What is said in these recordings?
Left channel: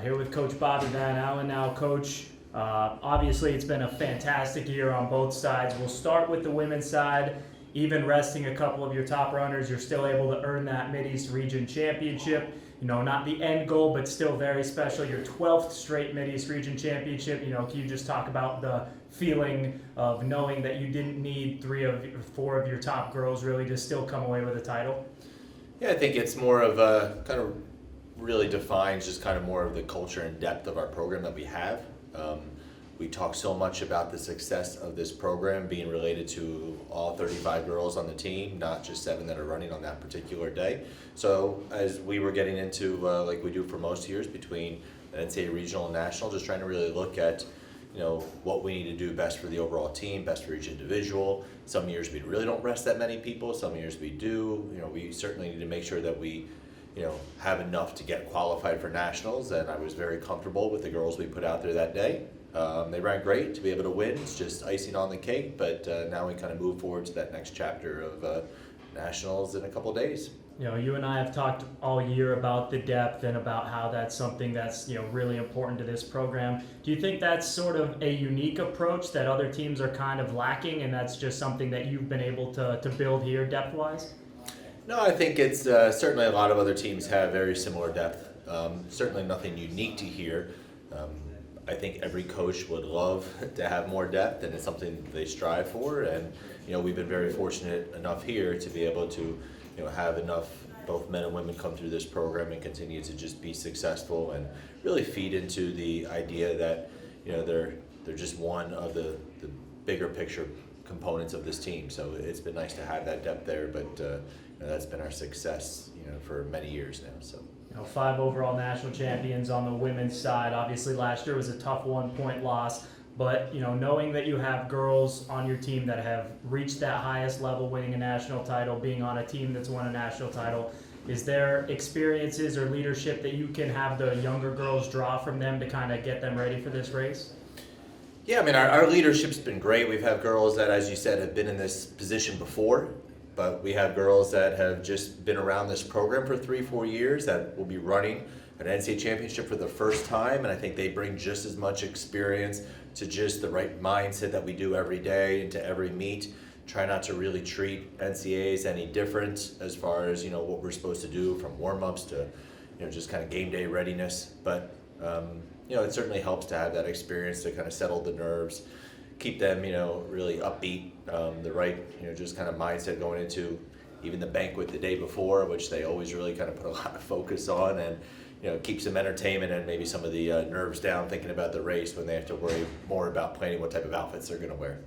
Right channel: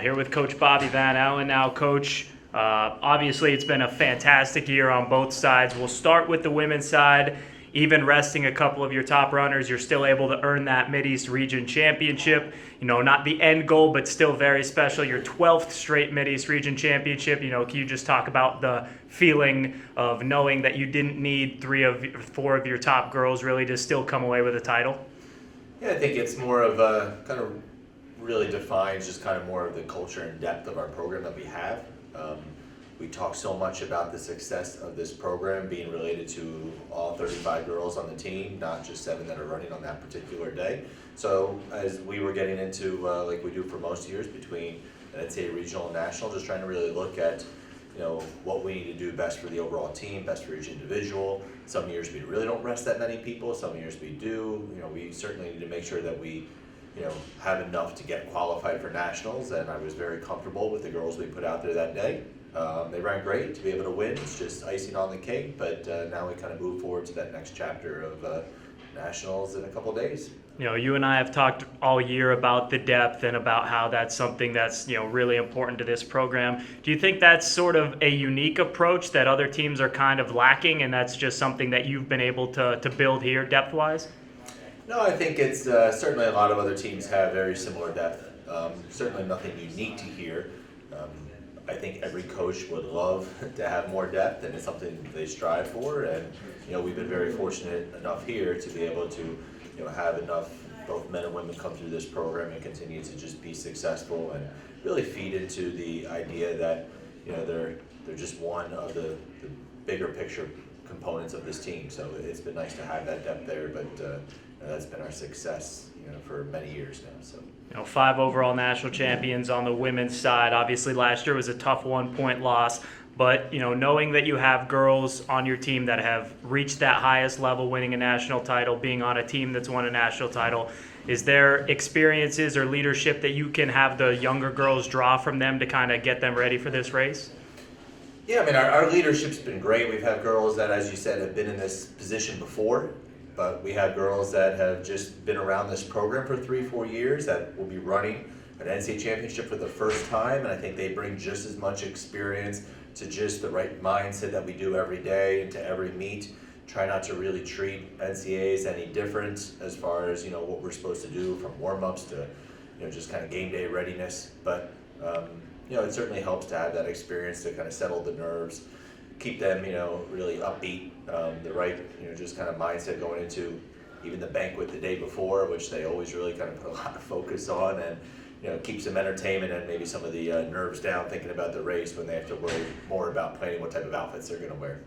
Here with Coach Bobby Van Allen now. Coach, obviously it's been a fantastic year on both sides. We'll start with the women's side. Even resting a couple of your top runners, you're still able to earn that Mideast Region Championship. You know, not the end goal, but still very special. Your 12th straight Mideast Region Championship. You know, can you just talk about the feeling of knowing that you didn't need four of your top girls really to still come away with a title? Yeah, I think it's more of a kind of really defines just kind of more of the culture and depth of our program that we have. We talk so much about the success of this program being related to all 35 girls on the team, not just 7 that are running on that particular day. So as we were getting into, like we do for most years, between NCAA regional and national, just trying to really look at, you know, what we need to do best for the overall team, best for each individual. Some years we really don't rest that many people, some years we do. You know, we certainly need to make sure that we, you know, have enough to get qualified for nationals, and I was very comfortable with the girls we put out there that day. They ran great. To be able to win, it's just icing on the cake, but now we kind of move forward to that next chapter of nationals in a couple days. You know, you and I have talked all year about the depth and about how that's something that's, you know, really important to this program. Do you think that's sort of a unique approach that other teams are kind of lacking, and that's just something that you've been able to build here depth-wise? No, I think it's certainly a lot of other teams have very similar depth. Certainly nothing unique to here. I think every coach would love to have more depth, and it's something they strive for. And you know, we've been very fortunate enough here to be able to, you know, have enough both men and women come through this program and continue to just be successful and really feed into the idea that, you know, they're just one of the bigger picture components of this team. So it's been nice to have that depth there, but you know, that's been our success, you know, for many years now. So. You know, 5 overall national champions on the women's side. Obviously, last year was a tough 1-point loss. But, you know, knowing that you have girls on your team that have reached that highest level, winning a national title, being on a team that's won a national title, is there experiences or leadership that you can have the younger girls draw from them to kind of get them ready for this race? Yeah, I mean, our leadership's been great. We've had girls that, as you said, have been in this position before. But we have girls that have just been around this program for 3-4 years that will be running an NCAA championship for the first time, and I think they bring just as much experience to just the right mindset that we do every day and to every meet. Try not to really treat NCAAs any different as far as, you know, what we're supposed to do from warm-ups to, you know, just kind of game day readiness. But you know, it certainly helps to have that experience to kind of settle the nerves, keep them, you know, really upbeat, the right, you know, just kind of mindset going into even the banquet the day before, which they always really kind of put a lot of focus on, and you know, keeps them entertainment and maybe some of the nerves down thinking about the race when they have to worry more about planning what type of outfits they're going to wear.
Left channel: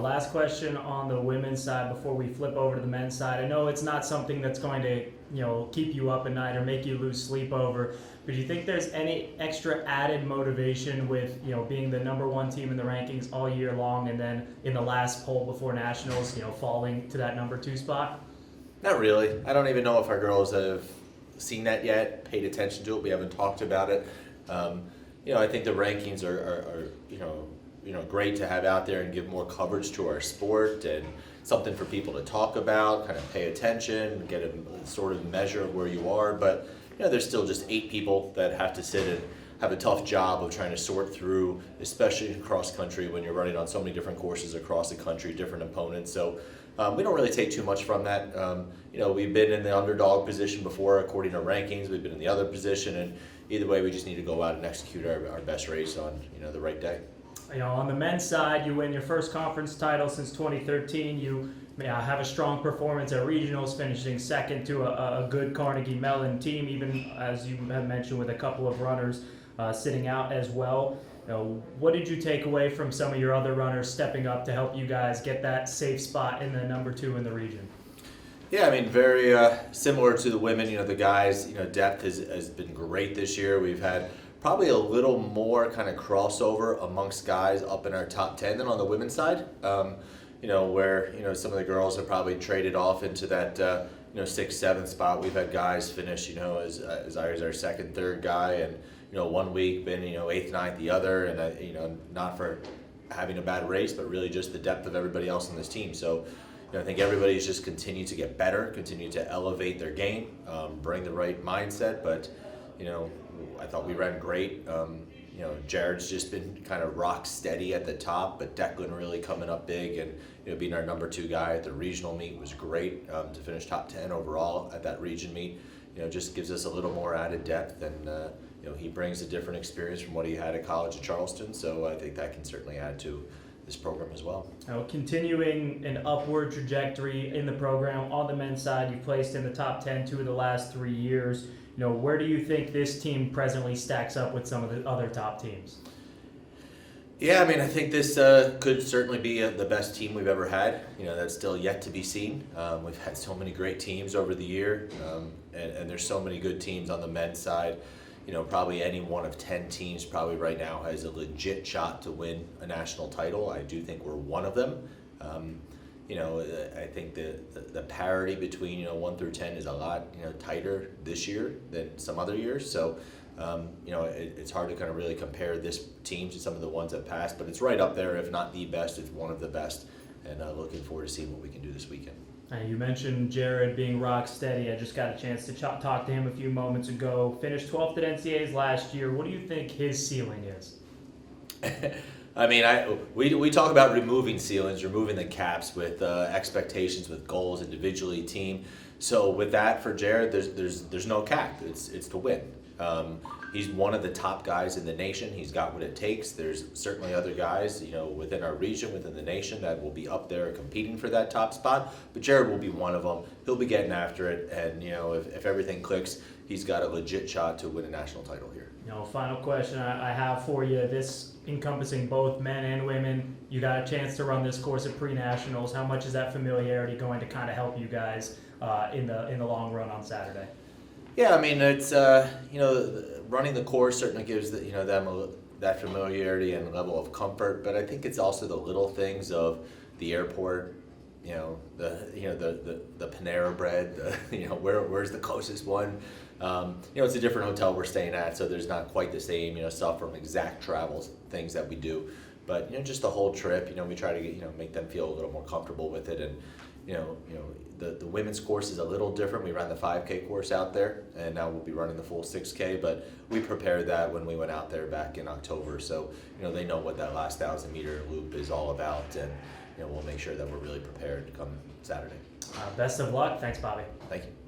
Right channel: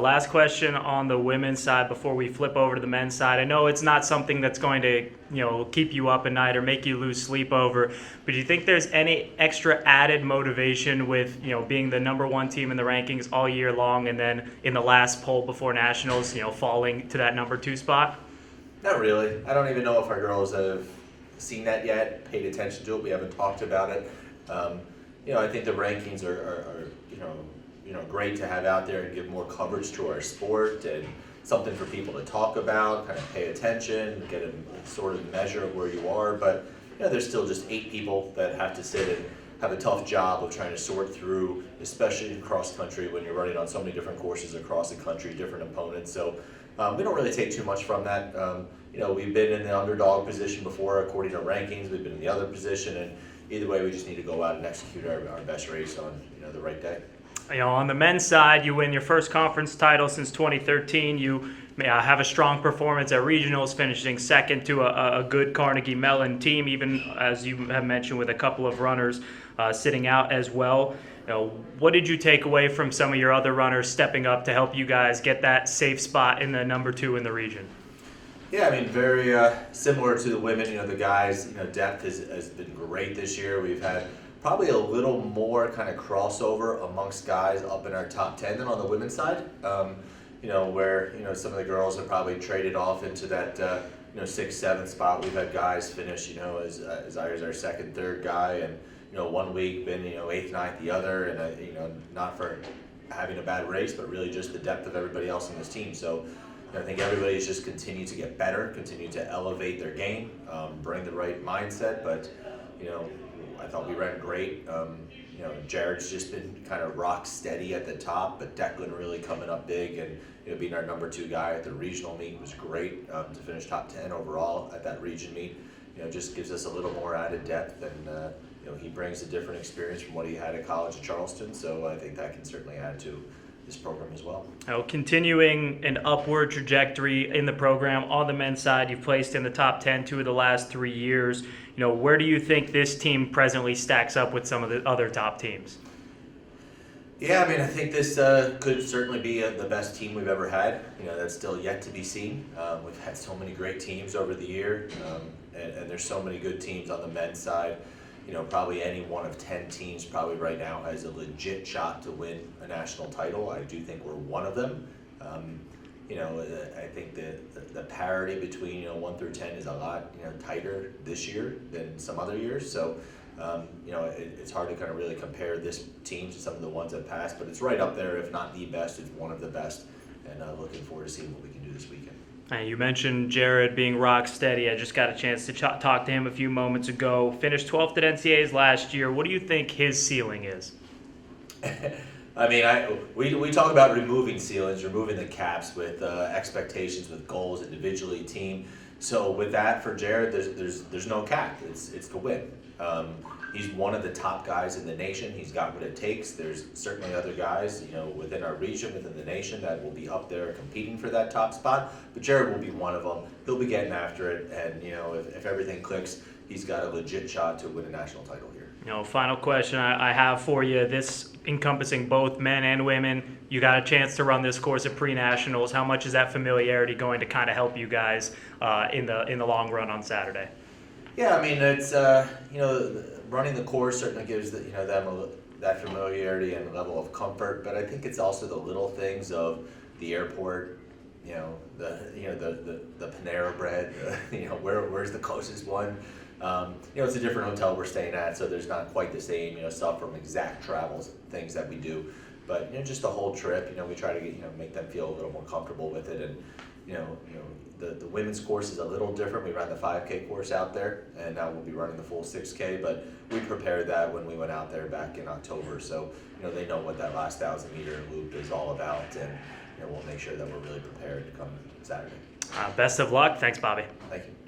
Last question on the women's side before we flip over to the men's side. I know it's not something that's going to, you know, keep you up at night or make you lose sleep over, but do you think there's any extra added motivation with, you know, being the #1 team in the rankings all year long and then in the last poll before nationals, you know, falling to that #2 spot? Not really. I don't even know if our girls have seen that yet, paid attention to it. We haven't talked about it. You know, I think the rankings are you know, great to have out there and give more coverage to our sport and something for people to talk about, kind of pay attention, get a sort of measure of where you are. But you know, there's still just 8 people that have to sit and have a tough job of trying to sort through, especially in cross country when you're running on so many different courses across the country, different opponents. So we don't really take too much from that. You know, we've been in the underdog position before according to rankings. We've been in the other position, and either way, we just need to go out and execute our best race on, you know, the right day. You know, on the men's side, you win your first conference title since 2013. You have a strong performance at regionals, finishing second to a good Carnegie Mellon team, even as you have mentioned with a couple of runners sitting out as well. You know, what did you take away from some of your other runners stepping up to help you guys get that safe spot in the #2 in the region? Yeah, I mean, very similar to the women. You know, the guys, you know, depth has been great this year. We've had probably a little more kind of crossover amongst guys up in our top 10 than on the women's side. You know, where, you know, some of the girls have probably traded off into that, you know, 6th, 7th spot. We've had guys finish, you know, as our second, third guy, and, you know, one week been, you know, 8th, 9th the other, and, you know, not for having a bad race, but really just the depth of everybody else on this team. So, you know, I think everybody's just continued to get better, continue to elevate their game, bring the right mindset, but, you know, I thought we ran great. Jared's just been kind of rock steady at the top, but Declan really coming up big and being our number 2 guy at the regional meet was great to finish top 10 overall at that region meet. Just gives us a little more added depth, and he brings a different experience from what he had at college at Charleston. So I think that can certainly add to this program as well. Now, continuing an upward trajectory in the program on the men's side, you've placed in the top 10 2 of the last 3 years. Where do you think this team presently stacks up with some of the other top teams? Yeah, I think this could certainly be the best team we've ever had. That's still yet to be seen. We've had so many great teams over the year, and there's so many good teams on the men's side. Probably any one of 10 teams probably right now has a legit shot to win a national title. I do think we're one of them. I think the parity between 1 through 10 is a lot tighter this year than some other years. So it's hard to kind of really compare this team to some of the ones that passed, but it's right up there, if not the best. It's one of the best, and looking forward to seeing what we can do this weekend. You mentioned Jared being rock steady. I just got a chance to talk to him a few moments ago. Finished 12th at NCAAs last year. What do you think his ceiling is? We talk about removing ceilings, removing the caps with expectations, with goals individually, team. So with that for Jared, there's no cap. It's to win. He's one of the top guys in the nation. He's got what it takes. There's certainly other guys, within our region, within the nation, that will be up there competing for that top spot. But Jared will be one of them. He'll be getting after it, and if everything clicks, he's got a legit shot to win a national title here. Final question I have for you. This encompassing both men and women. You got a chance to run this course at pre-nationals. How much is that familiarity going to kind of help you guys in the long run on Saturday? Yeah, it's running the course certainly gives them that familiarity and level of comfort, but I think it's also the little things of the airport, the Panera Bread, where's the closest one. It's a different hotel we're staying at, so there's not quite the same stuff from exact travels things that we do, but just the whole trip. We try to make them feel a little more comfortable with it, and the women's course is a little different. We ran the 5K course out there, and now we'll be running the full 6K, but we prepared that when we went out there back in October, so they know what that last 1,000-meter loop is all about, and we'll make sure that we're really prepared to come Saturday. Best of luck. Thanks, Bobby. Thank you.